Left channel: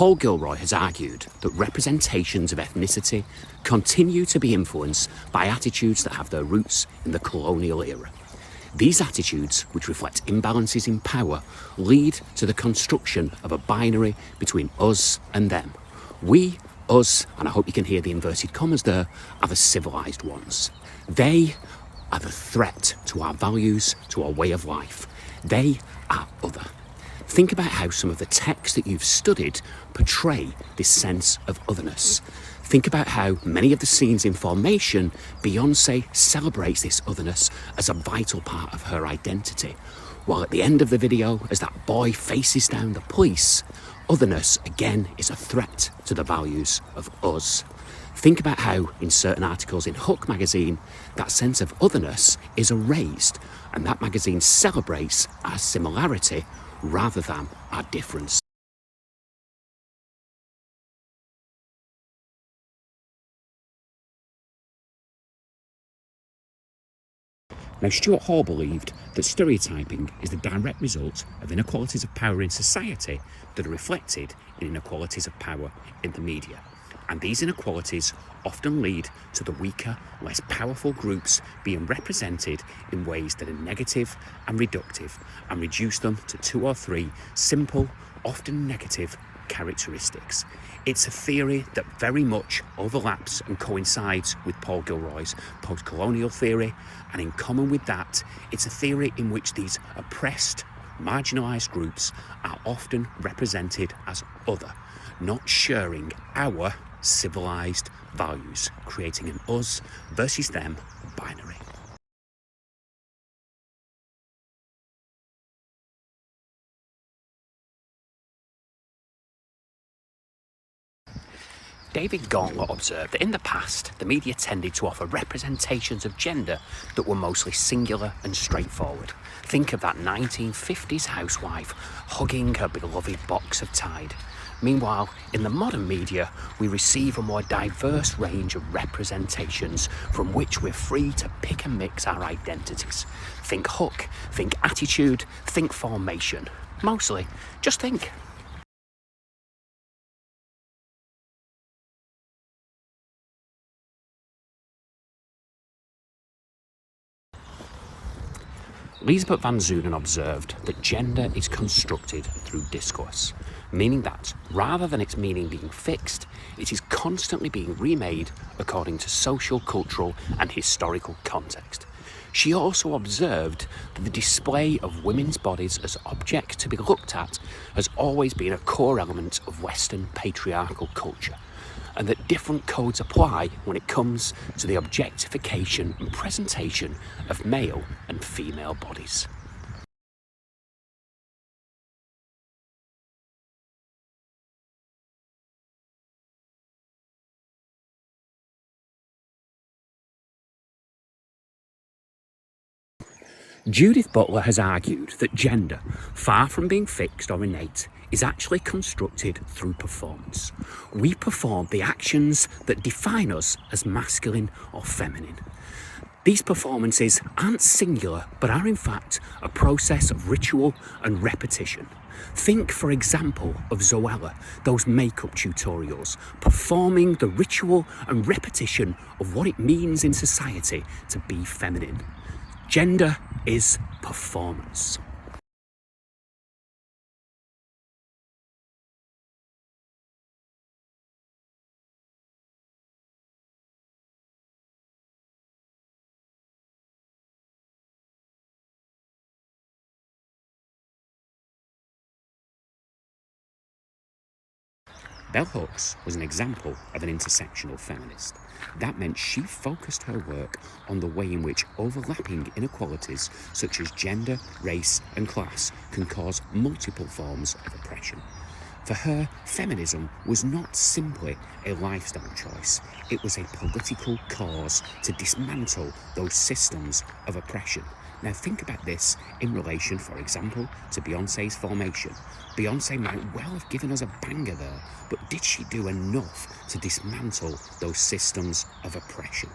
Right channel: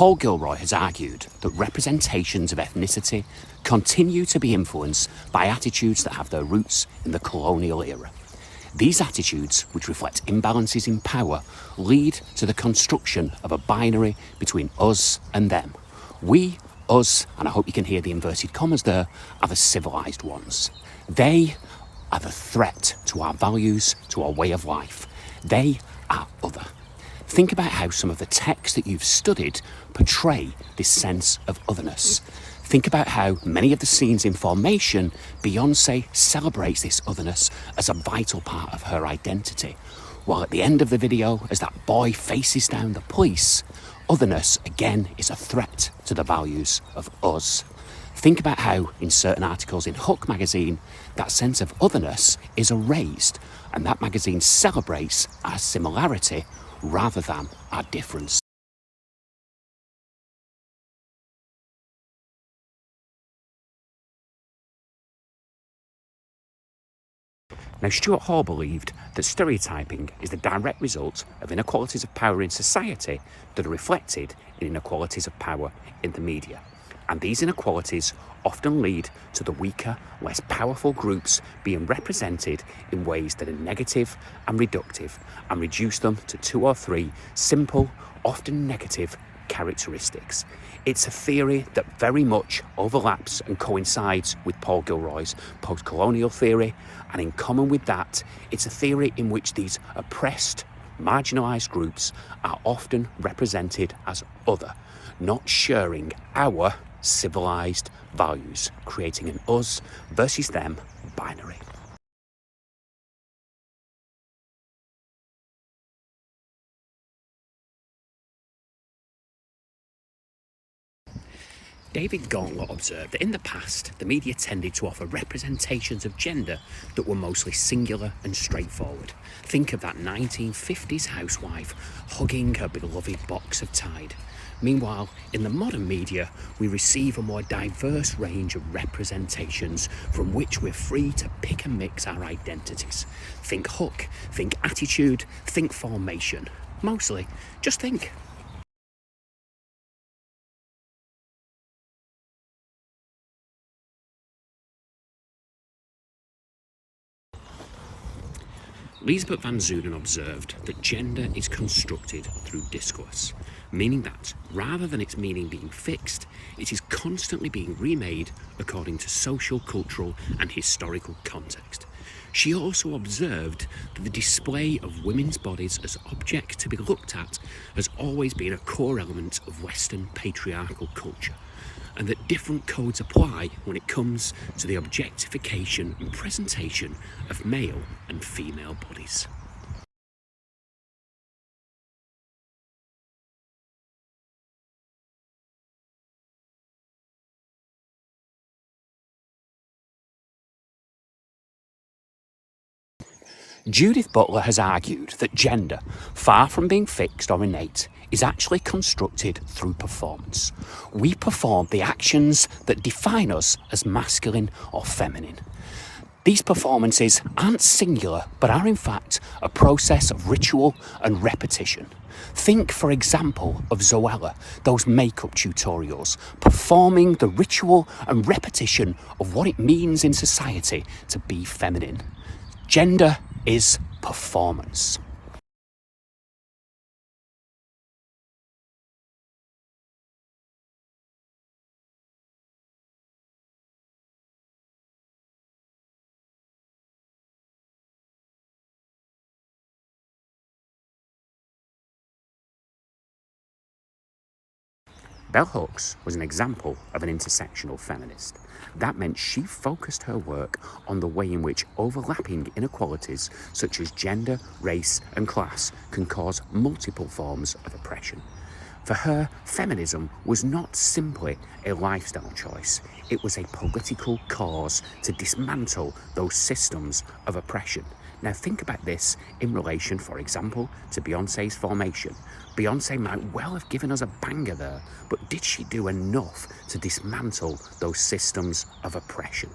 Paul Gilroy has argued that representations of ethnicity continue to be influenced by attitudes that have their roots in the colonial era. These attitudes, which reflect imbalances in power, lead to the construction of a binary between us and them. We, us, and I hope you can hear the inverted commas there, are the civilized ones. They are the threat to our values, to our way of life. They are other. Think about how some of the texts that you've studied portray this sense of otherness. Think about how many of the scenes in Formation, Beyoncé celebrates this otherness as a vital part of her identity. While at the end of the video, as that boy faces down the police, otherness again is a threat to the values of us. Think about how in certain articles in Hook magazine, that sense of otherness is erased, and that magazine celebrates our similarity rather than our difference. Now, Stuart Hall believed that stereotyping is the direct result of inequalities of power in society that are reflected in inequalities of power in the media. And these inequalities often lead to the weaker, less powerful groups being represented in ways that are negative and reductive, and reduce them to 2 or 3 simple, often negative characteristics. It's a theory that very much overlaps and coincides with Paul Gilroy's post-colonial theory, and in common with that, it's a theory in which these oppressed, marginalised groups are often represented as other, not sharing our civilised values, creating an us versus them binary. David Gauntlett observed that in the past, the media tended to offer representations of gender that were mostly singular and straightforward. Think of that 1950s housewife hugging her beloved box of Tide. Meanwhile, in the modern media, we receive a more diverse range of representations from which we're free to pick and mix our identities. Think Hook, think attitude, think Formation. Mostly, just think. Lisbeth van Zoonen observed that gender is constructed through discourse, meaning that, rather than its meaning being fixed, it is constantly being remade according to social, cultural and historical context. She also observed that the display of women's bodies as objects to be looked at has always been a core element of Western patriarchal culture, and that different codes apply when it comes to the objectification and presentation of male and female bodies. Judith Butler has argued that gender, far from being fixed or innate, is actually constructed through performance. We perform the actions that define us as masculine or feminine. These performances aren't singular, but are in fact a process of ritual and repetition. Think, for example, of Zoella, those makeup tutorials, performing the ritual and repetition of what it means in society to be feminine. Gender is performance. Bell Hooks was an example of an intersectional feminist. That meant she focused her work on the way in which overlapping inequalities such as gender, race and class can cause multiple forms of oppression. For her, feminism was not simply a lifestyle choice, it was a political cause to dismantle those systems of oppression. Now think about this in relation, for example, to Beyoncé's Formation. Beyoncé might well have given us a banger there, but did she do enough to dismantle those systems of oppression?